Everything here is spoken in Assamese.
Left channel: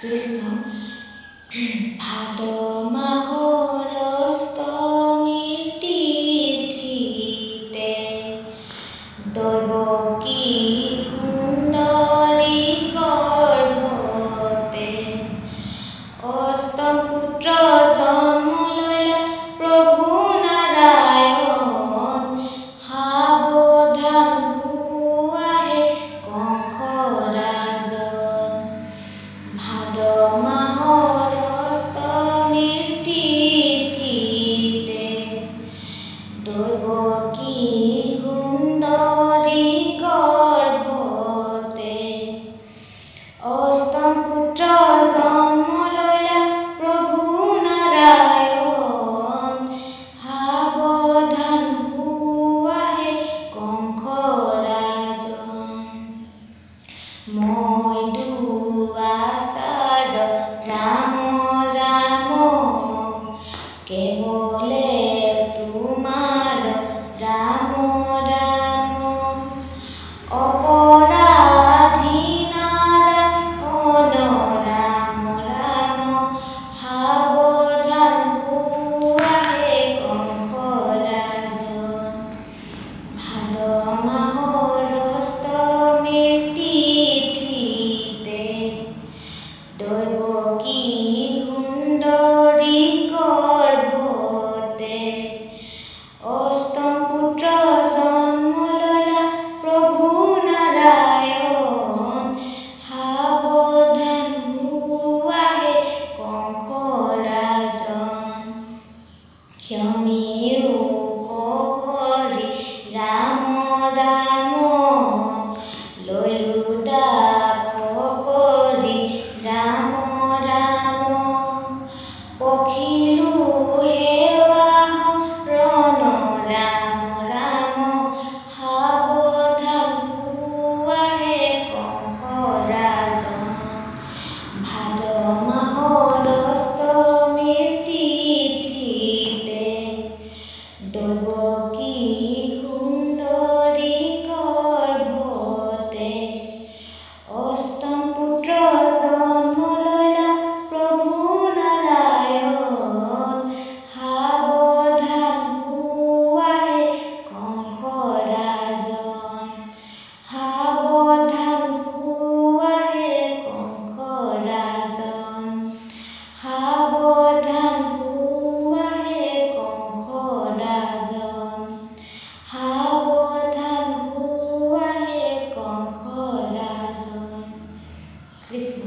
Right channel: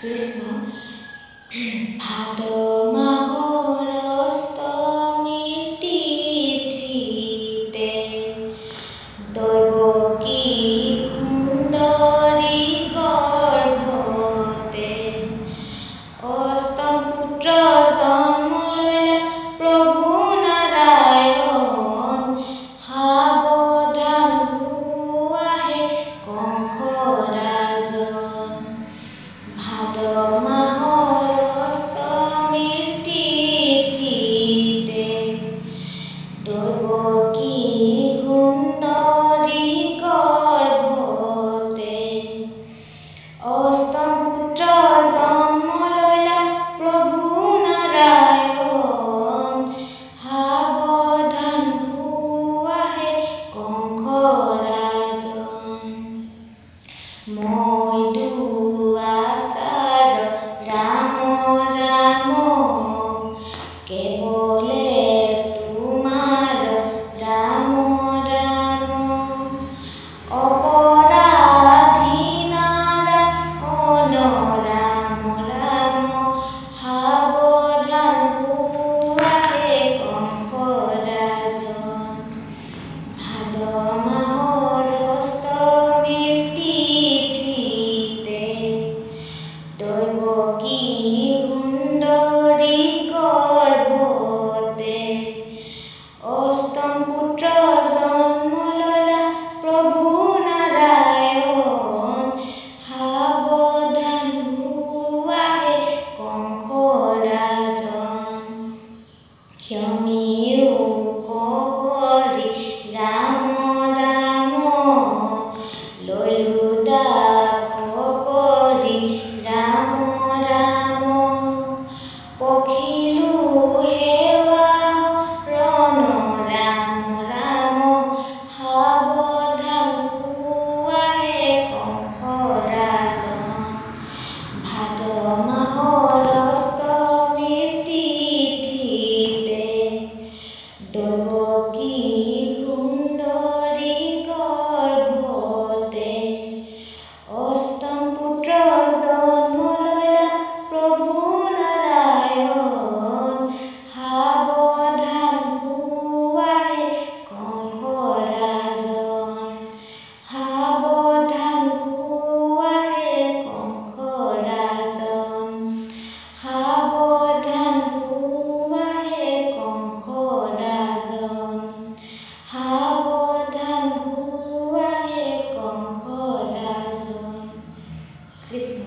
কৃষ্ণ ভাদ মাহৰ অষ্টমীৰ তিথিতে দৈৱকী সুন্দৰী গৰ্ভতে অষ্টম পুত্ৰ জন্ম ললে প্ৰভু নাৰায়ণ সাৱধান হোৱাহে কংস ৰাজন ভাদ মাহৰ অষ্টমীৰ তিথিতে দৈৱকী সুন্দৰী গৰ্ভতে অষ্টম পুত্ৰ জন্ম ললে প্ৰভু নাৰায়ণ সাৱধান হোৱাহে কংস ৰাজন মই দুআচাৰ ৰাম ৰাম কেৱলে তোমাৰ ৰাম ৰাম অপৰাধী নাৰায়ণ ৰাম ৰাম সাৱধান হোৱাহে কংস ৰাজন ভাদ মাহৰ অষ্টমীৰ তিথিতে দৈৱকী সুন্দৰী গৰ্ভতে অষ্টম পুত্ৰ জন্ম ললা প্ৰভু নাৰায়ণ সাৱধান হোৱাহে কংস ৰাজন ক্ষমিও কৰি ৰাম দাম ললো দাস কৰি ৰাম ৰাম পখিলো সেৱা ৰণ ৰাম ৰাম সাৱধান হোৱাহে কংস ৰাজন ভাদ মাহৰ অষ্টমীৰ তিথিতে দৈৱকী সুন্দৰী গৰ্ভতে অষ্টম পুত্ৰ জন্ম ললে প্ৰভু নাৰায়ণ সাৱধান হোৱাহে কংস ৰাজন সাৱধান হোৱাহে কংস ৰাজন সাৱধান হোৱাহে কংস ৰাজন সাৱধান হোৱাহে কংস ৰাজন কৃষ্ণ।